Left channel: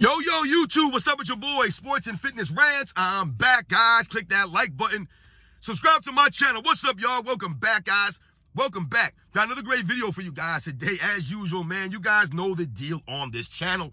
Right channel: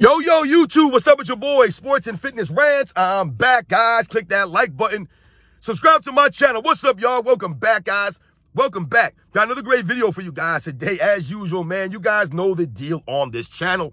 Yo, YouTube, what's up with your boy, Sports and Fitness Rants? I'm back, guys. Click that like button. Subscribe to my channel. What's up, y'all? Welcome back, guys. Welcome back. Got another great video for you guys today. As usual, man, you guys know the deal on this channel.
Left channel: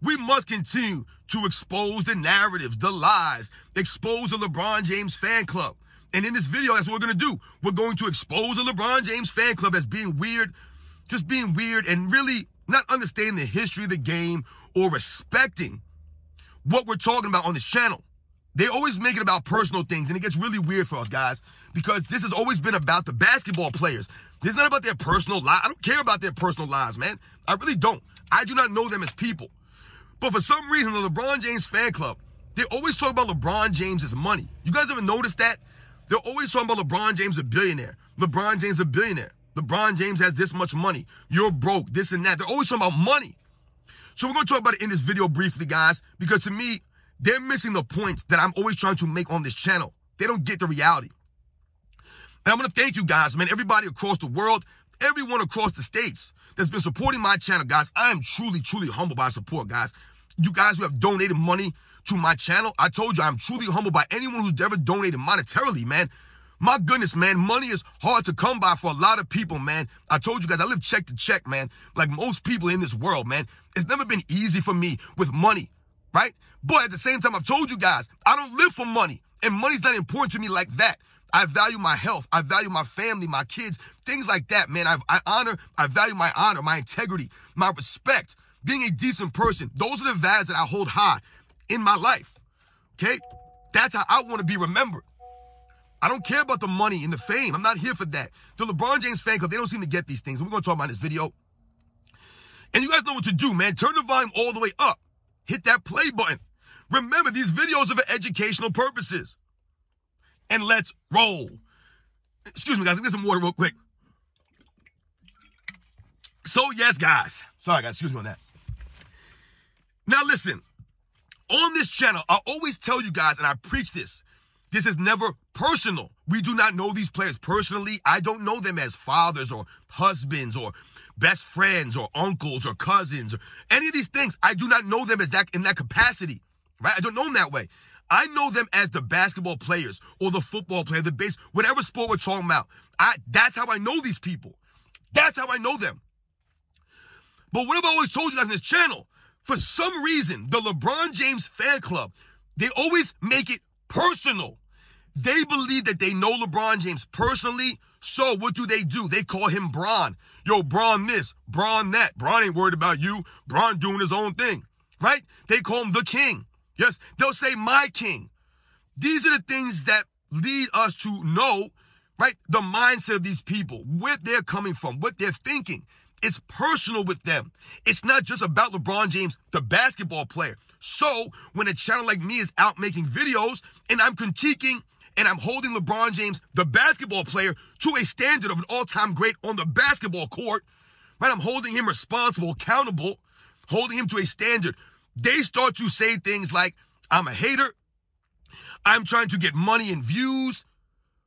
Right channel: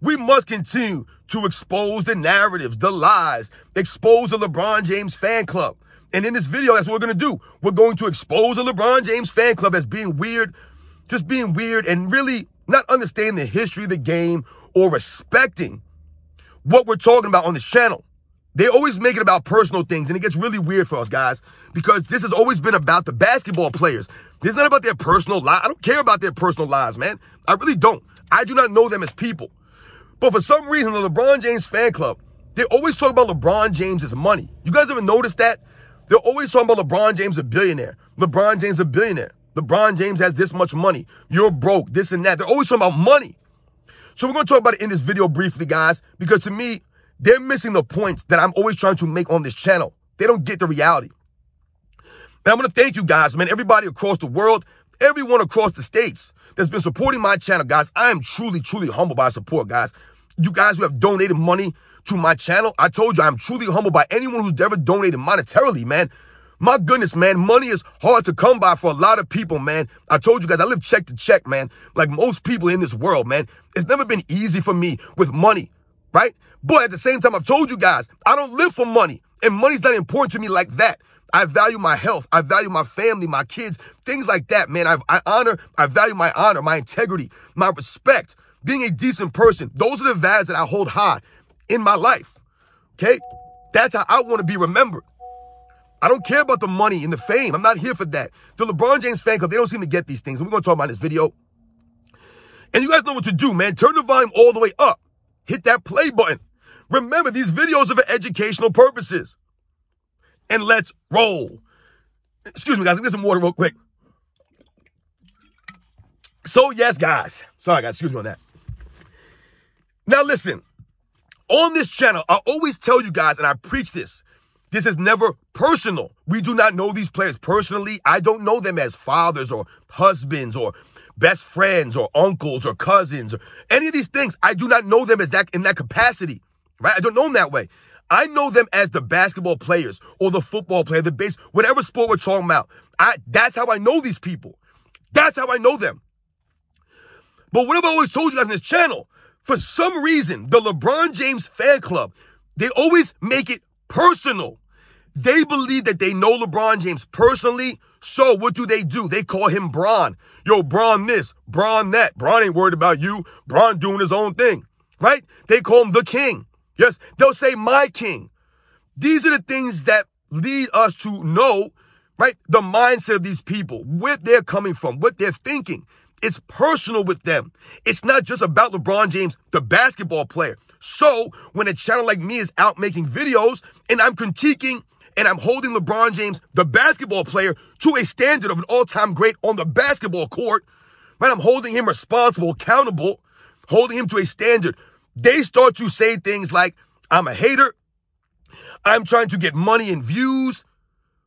We must continue to expose the narratives, the lies, expose the LeBron James fan club. And in this video, that's what we're going to do. We're going to expose the LeBron James fan club as being weird, just being weird and really not understanding the history of the game or respecting what we're talking about on this channel. They always make it about personal things, and it gets really weird for us, guys, because this has always been about the basketball players. This is not about their personal lives. I don't care about their personal lives, man. I really don't. I do not know them as people. But for some reason, the LeBron James fan club, they always talk about LeBron James' money. You guys ever notice that? They're always talking about LeBron James a billionaire. LeBron James a billionaire. LeBron James has this much money. You're broke, this and that. They're always talking about money. So we're going to talk about it in this video briefly, guys, because to me, they're missing the points that I'm always trying to make on this channel. They don't get the reality. And I'm going to thank you guys, man, everybody across the world, everyone across the states that's been supporting my channel, guys. I am truly, truly humbled by support, guys. You guys who have donated money to my channel, I told you I'm truly humbled by anyone who's ever donated monetarily, man. My goodness, man, money is hard to come by for a lot of people, man. I told you guys, I live check to check, man. Like most people in this world, man. It's never been easy for me with money, right? But at the same time, I've told you guys, I don't live for money. And money's not important to me like that. I value my health. I value my family, my kids, things like that, man. I value my honor, my integrity, my respect, being a decent person. Those are the values that I hold high in my life, okay? That's how I want to be remembered. I don't care about the money and the fame. I'm not here for that. The LeBron James fan club, they don't seem to get these things. And we're going to talk about in this video. And you guys know what to do, man. Turn the volume all the way up. Hit that play button. Remember, these videos are for educational purposes. And let's roll. Excuse me, guys. Let me get some water real quick. So, yes, guys. Sorry, guys. Excuse me on that. Now, listen. On this channel, I always tell you guys, and I preach this, this is never personal. We do not know these players personally. I don't know them as fathers or husbands or best friends or uncles or cousins or any of these things. I do not know them as that in that capacity, right? I don't know them that way. I know them as the basketball players or the football player, the base, whatever sport we're talking about. That's how I know these people. That's how I know them. But what have I always told you guys on this channel? For some reason, the LeBron James fan club, they always make it personal. They believe that they know LeBron James personally. So what do? They call him Bron. Yo, Bron this, Bron that. Bron ain't worried about you. Bron doing his own thing, right? They call him the king. Yes, they'll say my king. These are the things that lead us to know, right, the mindset of these people, where they're coming from, what they're thinking. It's personal with them. It's not just about LeBron James, the basketball player. So when a channel like me is out making videos and I'm critiquing and I'm holding LeBron James, the basketball player, to a standard of an all-time great on the basketball court, right? I'm holding him responsible, accountable, holding him to a standard. They start to say things like, I'm a hater. I'm trying to get money and views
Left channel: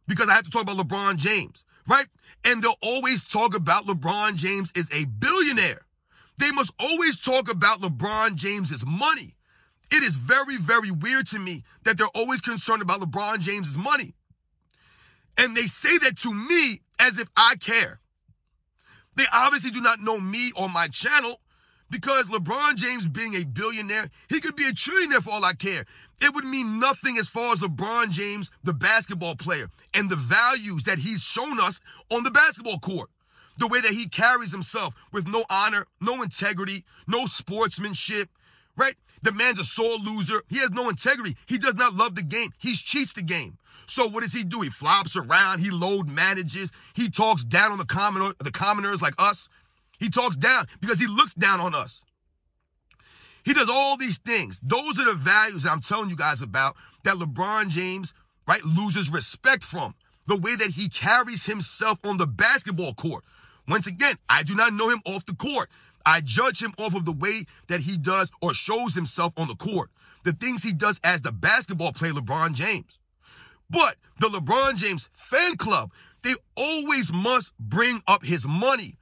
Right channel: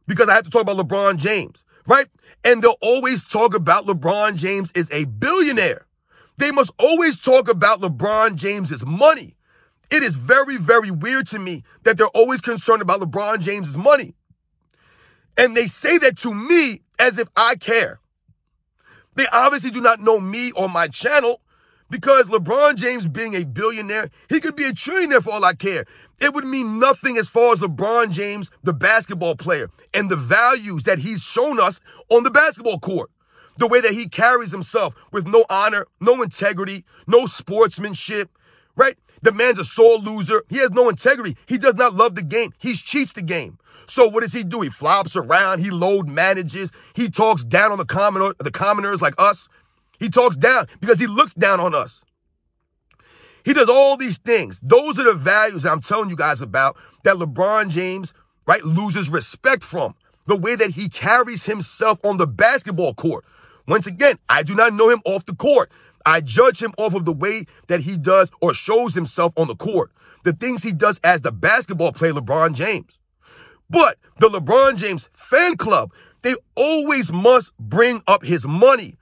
because I have to talk about LeBron James, right? And they'll always talk about LeBron James is a billionaire. They must always talk about LeBron James's money. It is very, very weird to me that they're always concerned about LeBron James's money. And they say that to me as if I care. They obviously do not know me or my channel because LeBron James being a billionaire, he could be a trillionaire for all I care. It would mean nothing as far as LeBron James, the basketball player, and the values that he's shown us on the basketball court. The way that he carries himself with no honor, no integrity, no sportsmanship, right? The man's a sore loser. He has no integrity. He does not love the game. He cheats the game. So what does he do? He flops around. He load manages. He talks down on the commoners like us. He talks down because he looks down on us. He does all these things. Those are the values that I'm telling you guys about that LeBron James, right, loses respect from. The way that he carries himself on the basketball court. Once again, I do not know him off the court. I judge him off of the way that he does or shows himself on the court. The things he does as the basketball player, LeBron James. But the LeBron James fan club, they always must bring up his money,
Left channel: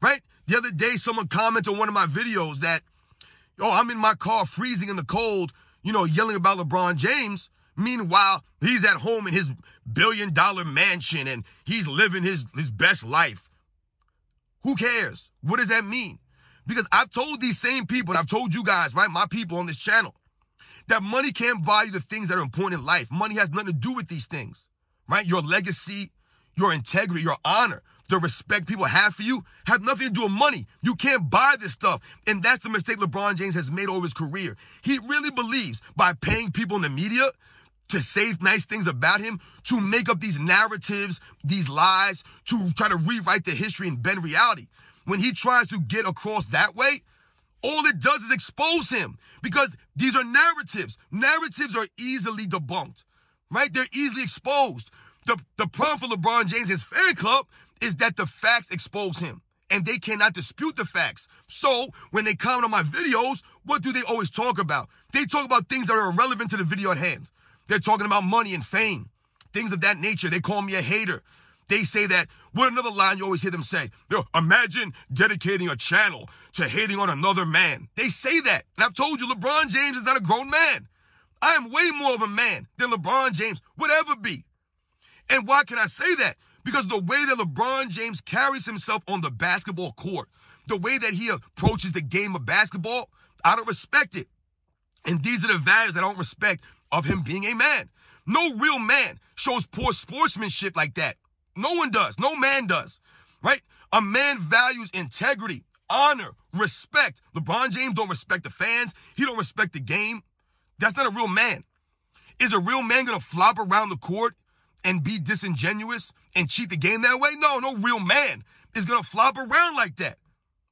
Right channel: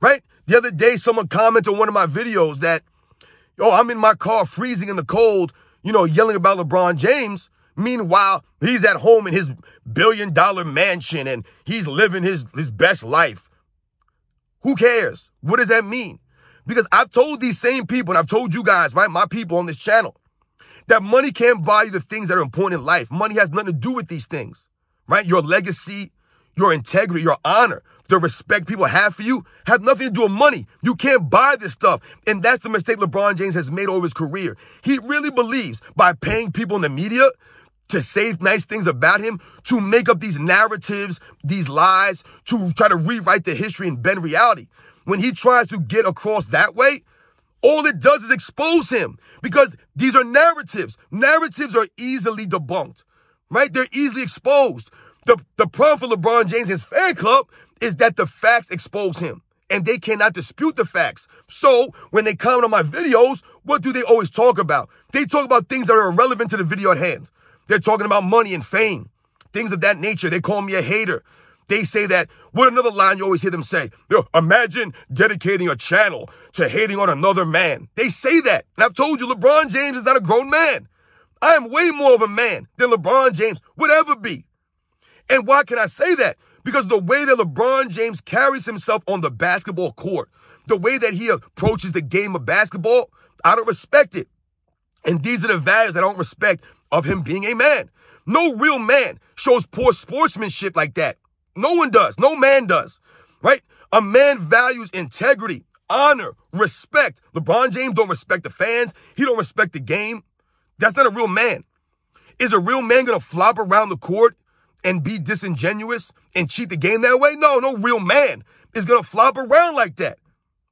right? The other day, someone commented on one of my videos that, Oh, I'm in my car freezing in the cold, yelling about LeBron James. Meanwhile, he's at home in his billion-dollar mansion and he's living his best life. Who cares? What does that mean? Because I've told these same people, and I've told you guys, right, my people on this channel, that money can't buy you the things that are important in life. Money has nothing to do with these things, right? Your legacy, your integrity, your honor, the respect people have for you have nothing to do with money. You can't buy this stuff. And that's the mistake LeBron James has made over his career. He really believes by paying people in the media to say nice things about him, to make up these narratives, these lies, to try to rewrite the history and bend reality. When he tries to get across that way, all it does is expose him because these are narratives. Narratives are easily debunked, right? They're easily exposed. The problem for LeBron James and his fan club is that the facts expose him and they cannot dispute the facts. So when they comment on my videos, what do they always talk about? They talk about things that are irrelevant to the video at hand. They're talking about money and fame, things of that nature. They call me a hater. They say that, what another line you always hear them say? Imagine dedicating a channel to hating on another man. They say that. And I've told you, LeBron James is not a grown man. I am way more of a man than LeBron James would ever be. And why can I say that? Because the way that LeBron James carries himself on the basketball court, the way that he approaches the game of basketball, I don't respect it. And these are the values I don't respect of him being a man. No real man shows poor sportsmanship like that. No one does. No man does, right? A man values integrity, honor, respect. LeBron James don't respect the fans. He don't respect the game. That's not a real man. Is a real man going to flop around the court and be disingenuous and cheat the game that way? No real man is going to flop around like that,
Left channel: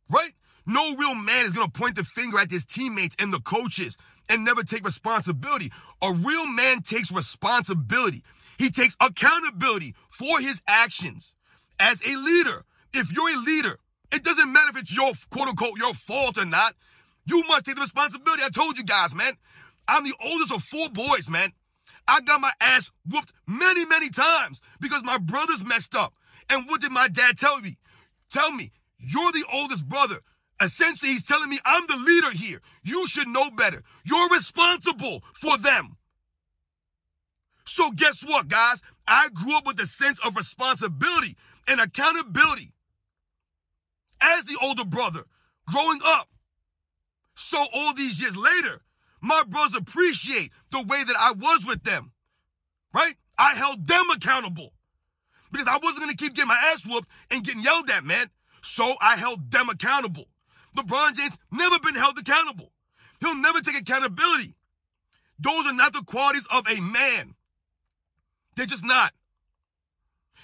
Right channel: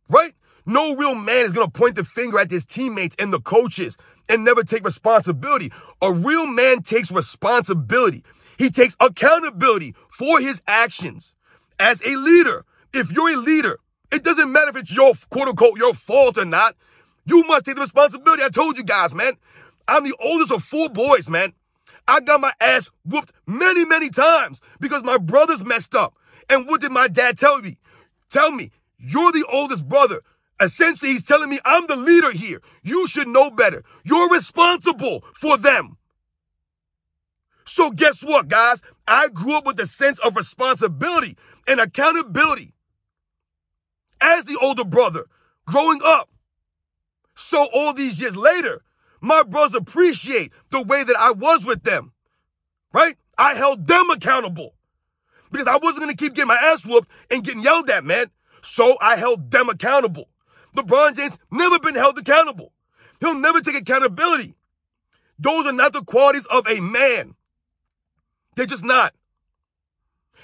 right? No real man is going to point the finger at his teammates and the coaches and never take responsibility. A real man takes responsibility. He takes accountability for his actions. As a leader, if you're a leader, it doesn't matter if it's your, quote unquote, your fault or not. You must take the responsibility. I told you guys, man, I'm the oldest of 4 boys, man. I got my ass whooped many, many times because my brothers messed up. And what did my dad tell me? Tell me, you're the oldest brother. Essentially, he's telling me I'm the leader here. You should know better. You're responsible for them. So guess what, guys? I grew up with a sense of responsibility and accountability as the older brother growing up. So all these years later, my brothers appreciate the way that I was with them, right? I held them accountable because I wasn't going to keep getting my ass whooped and getting yelled at, man. So I held them accountable. LeBron James never been held accountable. He'll never take accountability. Those are not the qualities of a man. They're just not.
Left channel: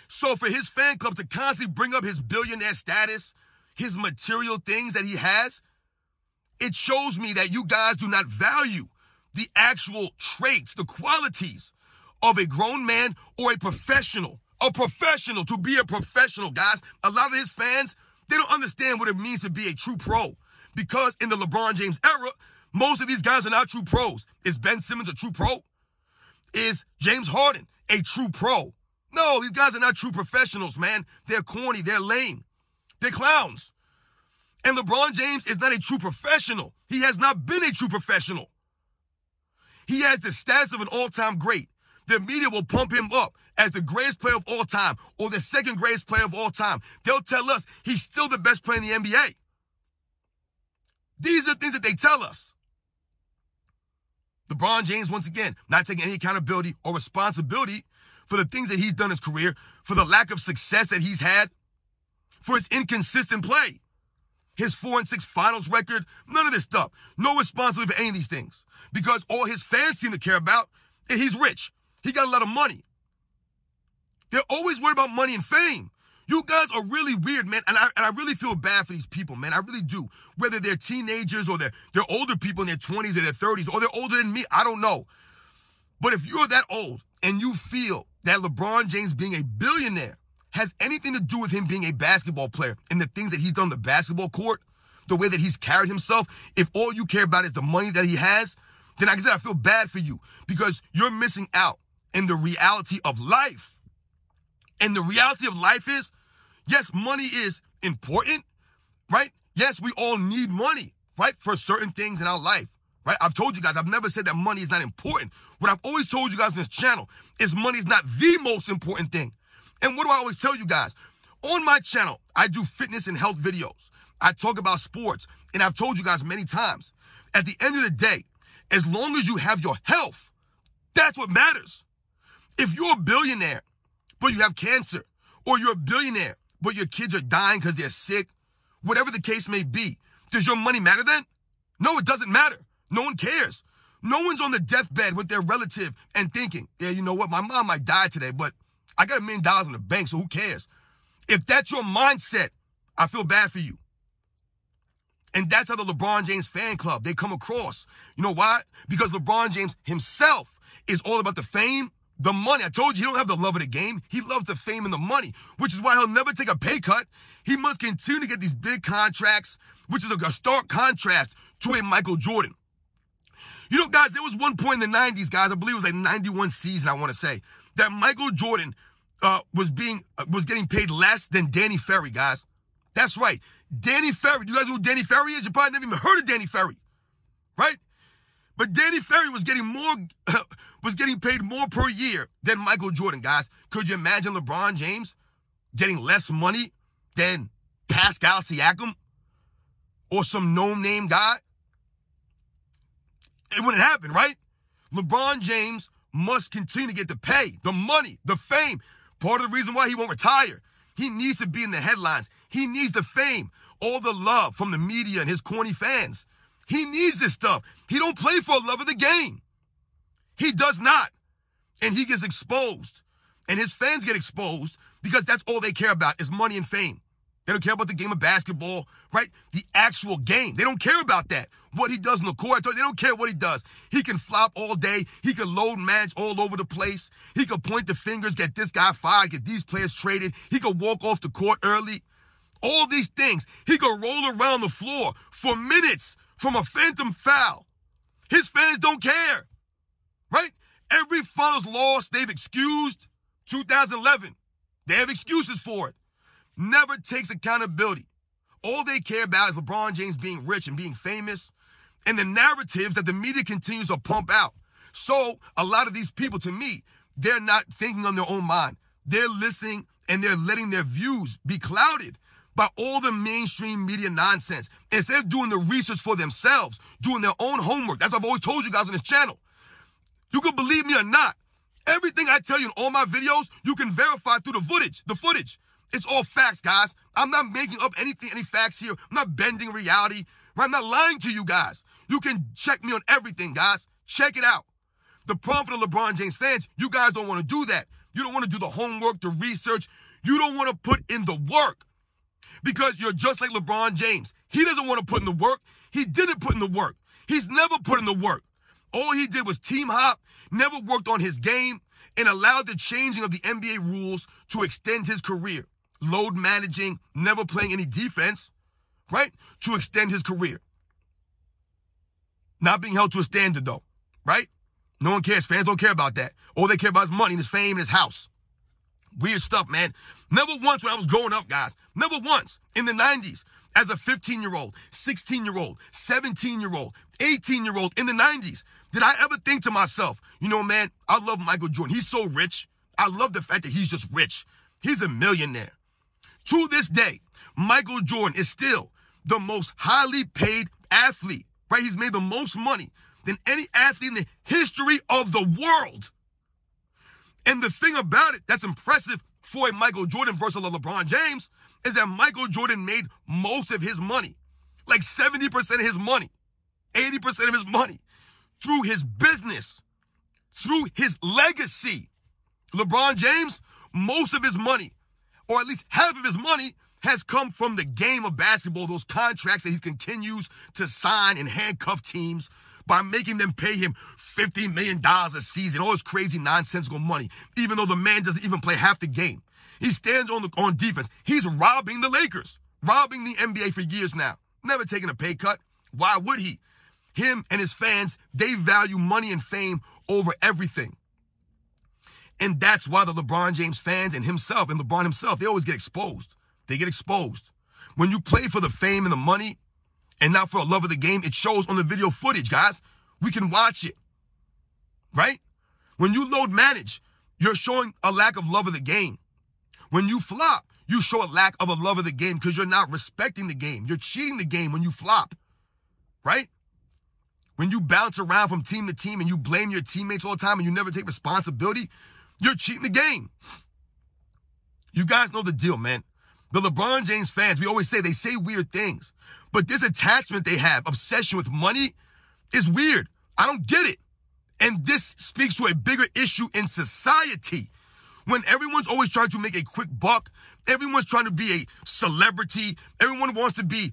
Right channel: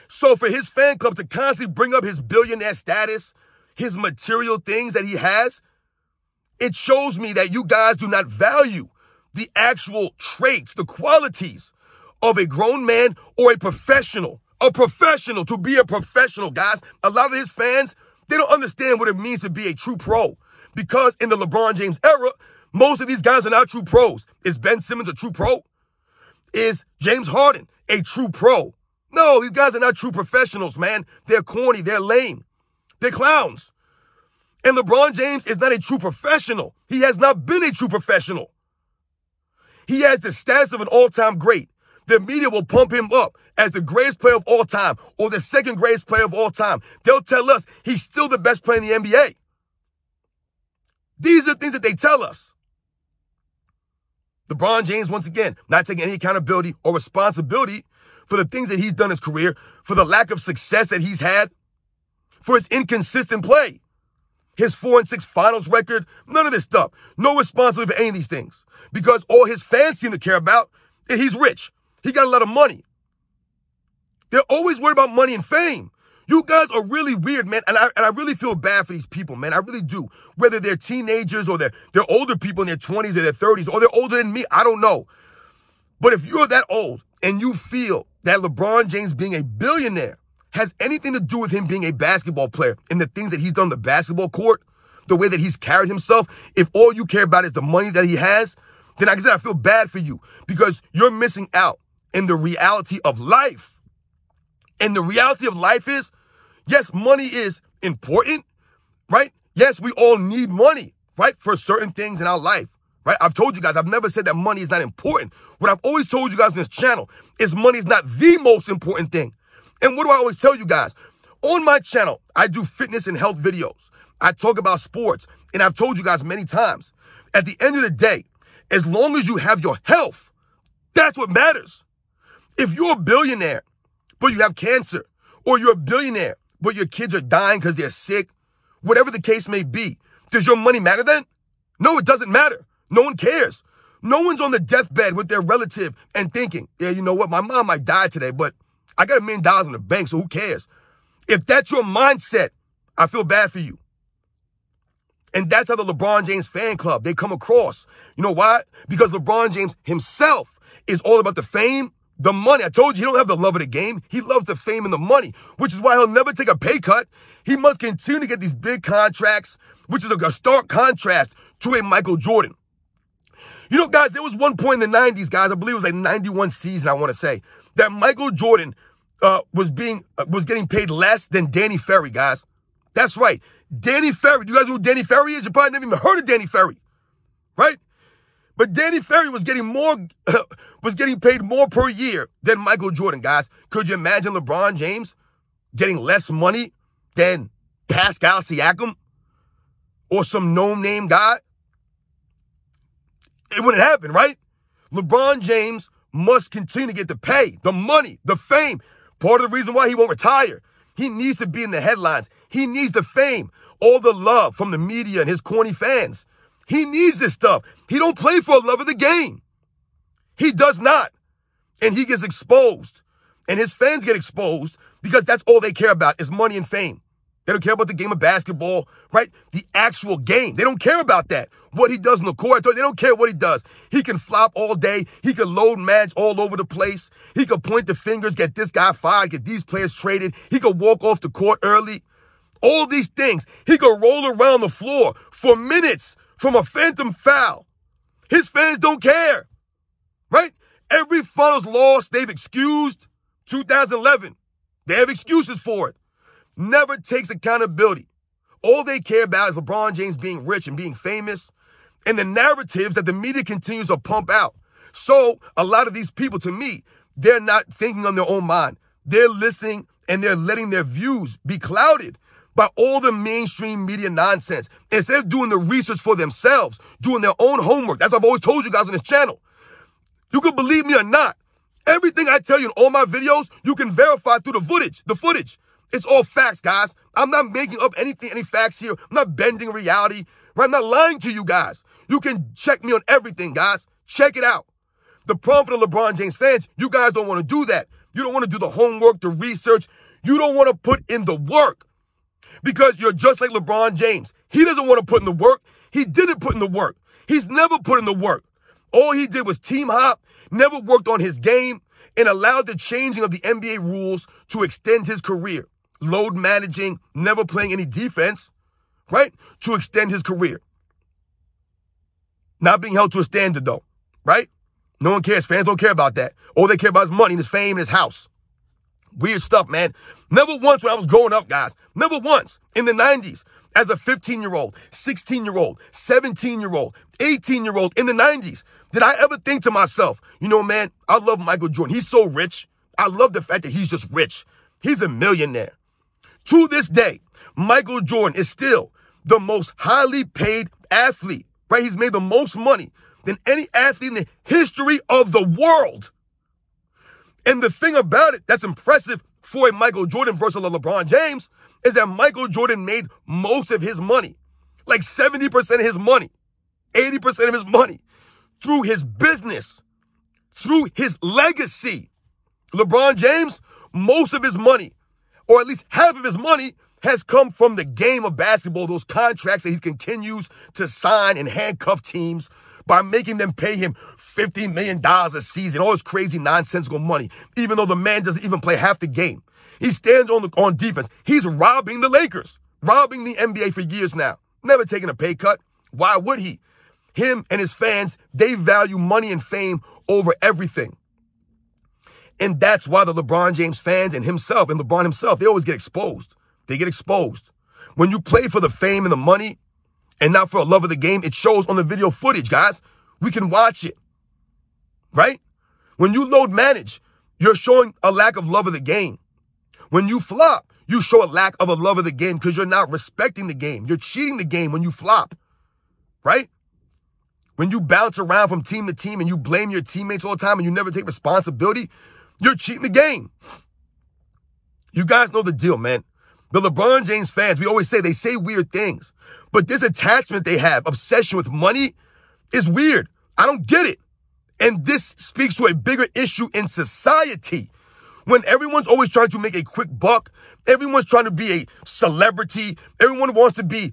So for his fan club to constantly bring up his billionaire status, his material things that he has, it shows me that you guys do not value the actual traits, the qualities of a grown man or a professional. A professional, to be a professional, guys. A lot of his fans, they don't understand what it means to be a true pro. Because in the LeBron James era, most of these guys are not true pros. Is Ben Simmons a true pro? Is James Harden a true pro? No, these guys are not true professionals, man. They're corny. They're lame. They're clowns. And LeBron James is not a true professional. He has not been a true professional. He has the status of an all-time great. The media will pump him up as the greatest player of all time or the second greatest player of all time. They'll tell us he's still the best player in the NBA. These are things that they tell us. LeBron James, once again, not taking any accountability or responsibility for the things that he's done in his career, for the lack of success that he's had, for his inconsistent play, his 4-6 finals record, none of this stuff. No responsibility for any of these things because all his fans seem to care about is he's rich. He got a lot of money. They're always worried about money and fame. You guys are really weird, man, and I really feel bad for these people, man. I really do. Whether they're teenagers or they're older people in their 20s or their 30s or they're older than me, I don't know. But if you're that old and you feel that LeBron James being a billionaire has anything to do with him being a basketball player and the things that he's done on the basketball court, the way that he's carried himself, if all you care about is the money that he has, then like I said, I feel bad for you because you're missing out in the reality of life. And the reality of life is, yes, money is important, right? Yes, we all need money, right, for certain things in our life, right? I've told you guys, I've never said that money is not important. What I've always told you guys on this channel is money is not the most important thing. And what do I always tell you guys? On my channel, I do fitness and health videos. I talk about sports, and I've told you guys many times, at the end of the day, as long as you have your health, that's what matters. If you're a billionaire, but you have cancer, or you're a billionaire, but your kids are dying because they're sick, whatever the case may be, does your money matter then? No, it doesn't matter. No one cares. No one's on the deathbed with their relative and thinking, yeah, you know what, my mom might die today, but I got $1 million in the bank, so who cares? If that's your mindset, I feel bad for you. And that's how the LeBron James fan club, they come across. You know why? Because LeBron James himself is all about the fame, the money. I told you, he don't have the love of the game. He loves the fame and the money, which is why he'll never take a pay cut. He must continue to get these big contracts, which is a stark contrast to a Michael Jordan. You know, guys, there was one point in the 90s, guys, I believe it was like 91 season, I want to say, that Michael Jordan was getting paid less than Danny Ferry, guys. That's right. Danny Ferry. Do you guys know who Danny Ferry is? You probably never even heard of Danny Ferry, right? But Danny Ferry was getting paid more per year than Michael Jordan, guys. Could you imagine LeBron James getting less money than Pascal Siakam or some no-name guy? It wouldn't happen, right? LeBron James must continue to get the pay, the money, the fame. Part of the reason why he won't retire. He needs to be in the headlines. He needs the fame, all the love from the media and his corny fans. He needs this stuff. He don't play for a love of the game. He does not. And he gets exposed. And his fans get exposed because that's all they care about is money and fame. They don't care about the game of basketball, right? The actual game. They don't care about that. What he does in the court, they don't care what he does. He can flop all day. He can load match all over the place. He can point the fingers, get this guy fired, get these players traded. He can walk off the court early. All these things. He can roll around the floor for minutes from a phantom foul. His fans don't care, right? Every finals loss they've excused, 2011, they have excuses for it. Never takes accountability. All they care about is LeBron James being rich and being famous and the narratives that the media continues to pump out. So a lot of these people, to me, they're not thinking on their own mind. They're listening and they're letting their views be clouded by all the mainstream media nonsense. Instead of doing the research for themselves, doing their own homework. That's what I've always told you guys on this channel. You can believe me or not. Everything I tell you in all my videos, you can verify through the footage. It's all facts, guys. I'm not making up any facts here. I'm not bending reality. Right? I'm not lying to you guys. You can check me on everything, guys. Check it out. The problem for the LeBron James fans, you guys don't want to do that. You don't want to do the homework, the research. You don't want to put in the work because you're just like LeBron James. He doesn't want to put in the work. He didn't put in the work. He's never put in the work. All he did was team hop, never worked on his game, and allowed the changing of the NBA rules to extend his career. Load managing, never playing any defense, right? To extend his career. Not being held to a standard, though, right? No one cares. Fans don't care about that. All they care about is money and his fame and his house. Weird stuff, man. Never once when I was growing up, guys. Never once in the 90s as a 15-year-old, 16-year-old, 17-year-old, 18-year-old in the 90s did I ever think to myself, you know, man, I love Michael Jordan. He's so rich. I love the fact that he's just rich. He's a millionaire. To this day, Michael Jordan is still the most highly paid athlete, right? He's made the most money than any athlete in the history of the world. And the thing about it that's impressive for a Michael Jordan versus a LeBron James is that Michael Jordan made most of his money, like 70% of his money, 80% of his money, through his business, through his legacy. LeBron James, most of his money, or at least half of his money, has come from the game of basketball, those contracts that he continues to sign and handcuff teams by making them pay him $50 million a season, all this crazy nonsensical money, even though the man doesn't even play half the game. He stands on defense. He's robbing the Lakers, robbing the NBA for years now, never taking a pay cut. Why would he? Him and his fans, they value money and fame over everything. And that's why the LeBron James fans and himself and LeBron himself, they always get exposed. They get exposed. When you play for the fame and the money and not for a love of the game. It shows on the video footage, guys. We can watch it, right? When you load manage, you're showing a lack of love of the game. When you flop, you show a lack of a love of the game because you're not respecting the game. You're cheating the game when you flop, right? When you bounce around from team to team and you blame your teammates all the time and you never take responsibility, you're cheating the game. You guys know the deal, man. The LeBron James fans, we always say, they say weird things. But this attachment they have, obsession with money, is weird. I don't get it. And this speaks to a bigger issue in society. When everyone's always trying to make a quick buck, everyone's trying to be a celebrity, everyone wants to be,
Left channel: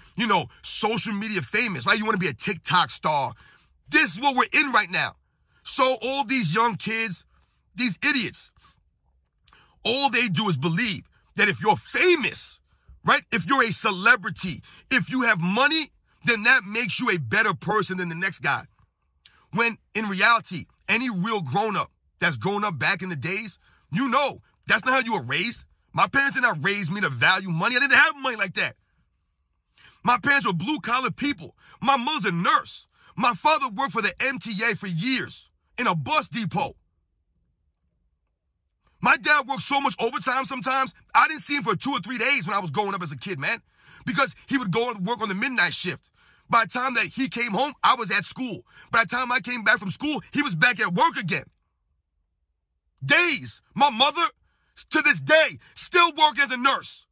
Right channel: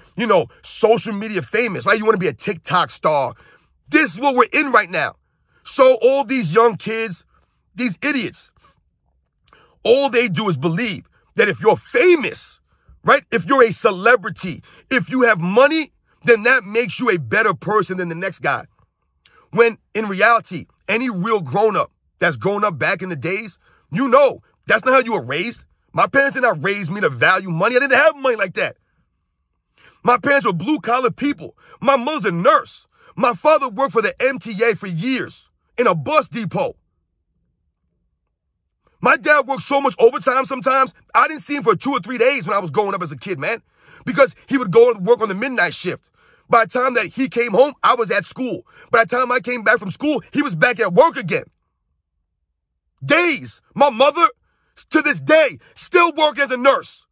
social media famous, right? You want to be a TikTok star. This is what we're in right now. So all these young kids, these idiots, all they do is believe that if you're famous, right? If you're a celebrity, if you have money, then that makes you a better person than the next guy. When in reality, any real grown-up that's grown up back in the days, that's not how you were raised. My parents did not raise me to value money. I didn't have money like that. My parents were blue-collar people. My mother's a nurse. My father worked for the MTA for years in a bus depot. My dad worked so much overtime sometimes, I didn't see him for 2 or 3 days when I was growing up as a kid, man, because he would go and work on the midnight shift. By the time that he came home, I was at school. By the time I came back from school, he was back at work again. Days. My mother, to this day, still working as a nurse.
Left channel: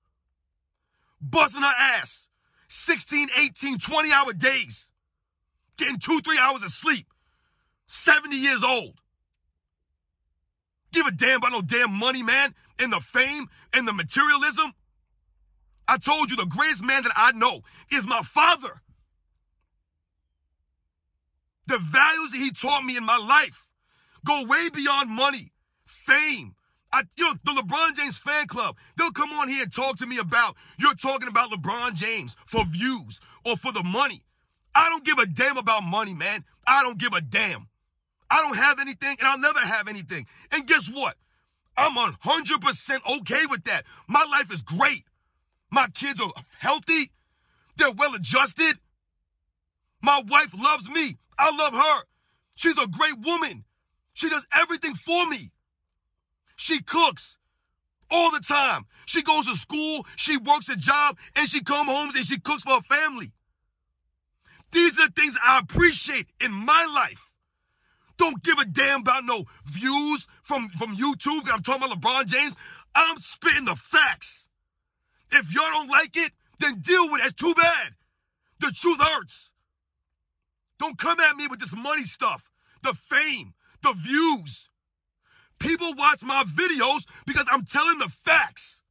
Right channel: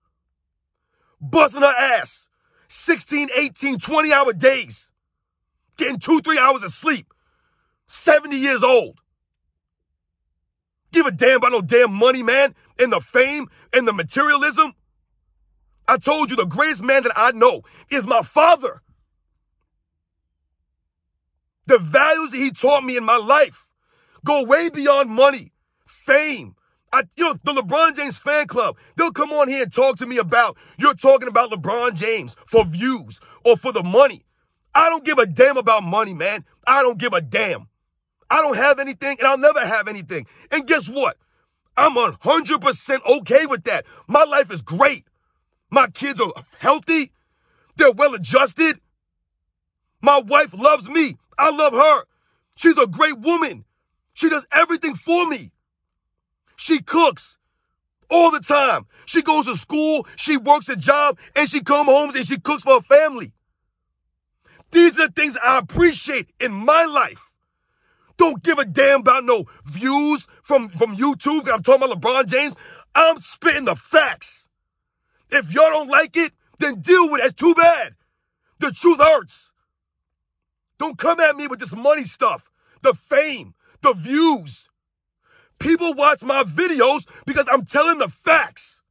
Busting her ass. 16, 18, 20-hour days. Getting 2-3 hours of sleep. 70 years old. Give a damn about no damn money, man, and the fame and the materialism. I told you the greatest man that I know is my father. The values that he taught me in my life go way beyond money, fame. The LeBron James fan club, they'll come on here and talk to me about, you're talking about LeBron James for views or for the money. I don't give a damn about money, man. I don't give a damn. I don't have anything, and I'll never have anything. And guess what? I'm 100% okay with that. My life is great. My kids are healthy. They're well-adjusted. My wife loves me. I love her. She's a great woman. She does everything for me. She cooks all the time. She goes to school, she works a job, and she comes home and she cooks for her family. These are the things I appreciate in my life. Don't give a damn about no views from YouTube. I'm talking about LeBron James. I'm spitting the facts. If y'all don't like it, then deal with it. It's too bad. The truth hurts. Don't come at me with this money stuff, the fame, the views. People watch my videos because I'm telling the facts.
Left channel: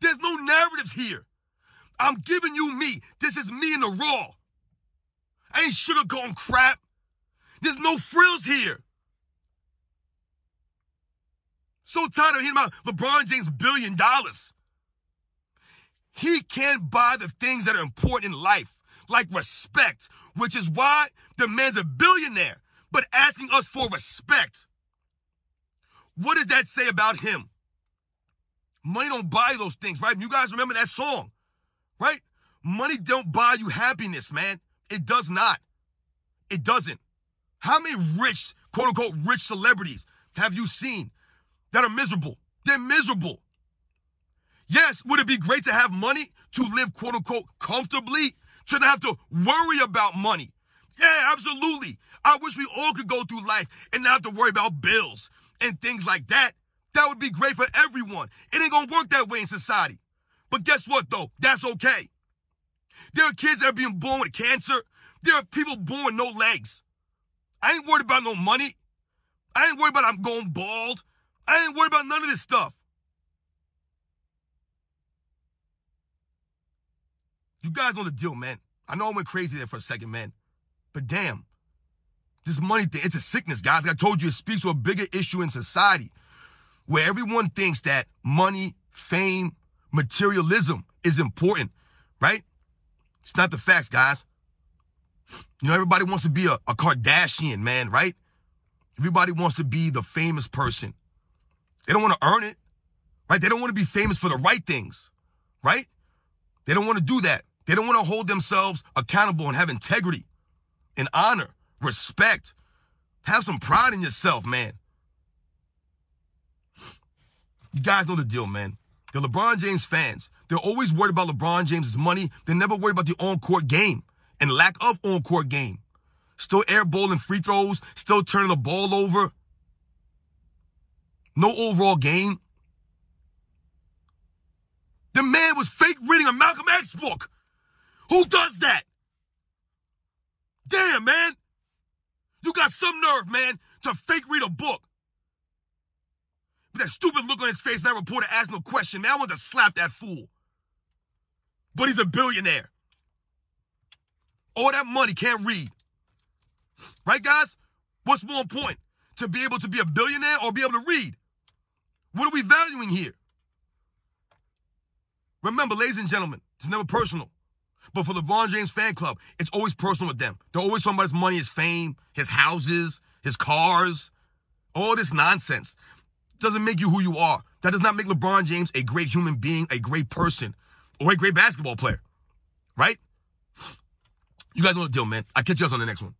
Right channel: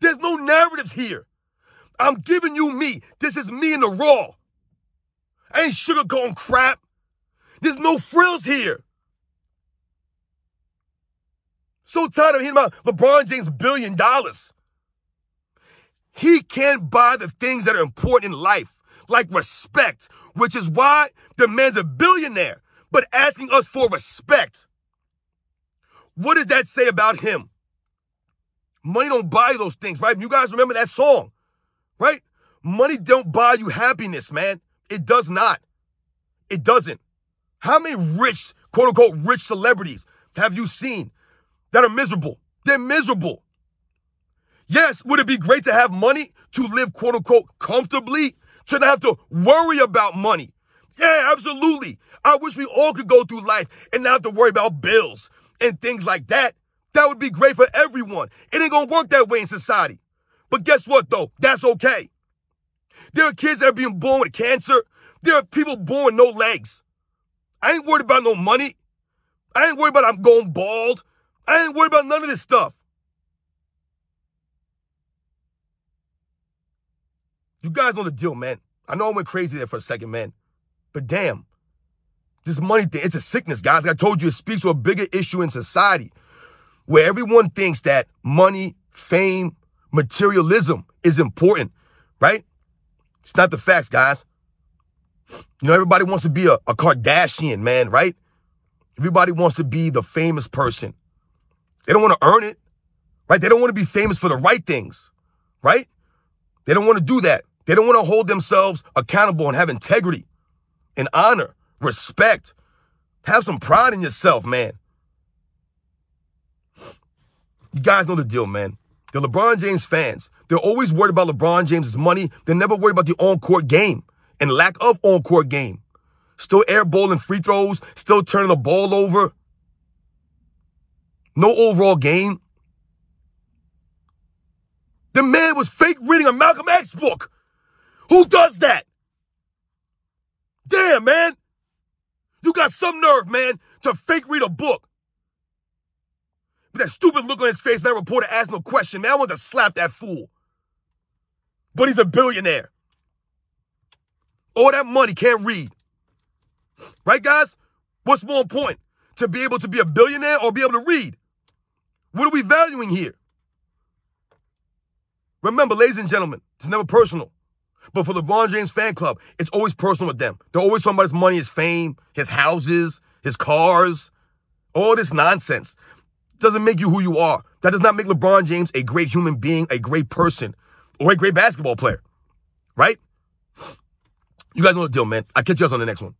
There's no narratives here. I'm giving you me. This is me in the raw. I ain't sugarcoating crap. There's no frills here. So tired of hearing about LeBron James' $1 billion. He can't buy the things that are important in life, like respect, which is why the man's a billionaire, but asking us for respect. What does that say about him? Money don't buy those things, right? You guys remember that song, right? Money don't buy you happiness, man. It does not. It doesn't. How many rich, quote-unquote, rich celebrities have you seen that are miserable? They're miserable. Yes, would it be great to have money to live, quote-unquote, comfortably, to not have to worry about money? Yeah, absolutely. I wish we all could go through life and not have to worry about bills and things like that. That would be great for everyone. It ain't gonna work that way in society. But guess what, though? That's okay. There are kids that are being born with cancer. There are people born with no legs. I ain't worried about no money. I ain't worried about I'm going bald. I ain't worried about none of this stuff. You guys know the deal, man. I know I went crazy there for a second, man. But damn, this money thing, it's a sickness, guys. Like I told you, it speaks to a bigger issue in society where everyone thinks that money, fame, materialism is important, right? It's not the facts, guys. Everybody wants to be a Kardashian, man, right? Everybody wants to be the famous person. They don't want to earn it, right? They don't want to be famous for the right things, right? They don't want to do that. They don't want to hold themselves accountable and have integrity and honor, respect. Have some pride in yourself, man. You guys know the deal, man. The LeBron James fans, they're always worried about LeBron James's money. They're never worried about the on-court game and lack of on-court game. Still airballing free throws, still turning the ball over. No overall game. The man was fake reading a Malcolm X book. Who does that? Damn, man. You got some nerve, man, to fake read a book. With that stupid look on his face, that reporter asked no question. Man, I want to slap that fool. But he's a billionaire. All that money, can't read. Right, guys? What's more important? To be able to be a billionaire or be able to read? What are we valuing here? Remember, ladies and gentlemen, it's never personal. But for the LeBron James fan club, it's always personal with them. They're always talking about his money, his fame, his houses, his cars, all this nonsense. Doesn't make you who you are. That does not make LeBron James a great human being, a great person, or a great basketball player. Right? You guys know the deal, man. I'll catch you guys on the next one.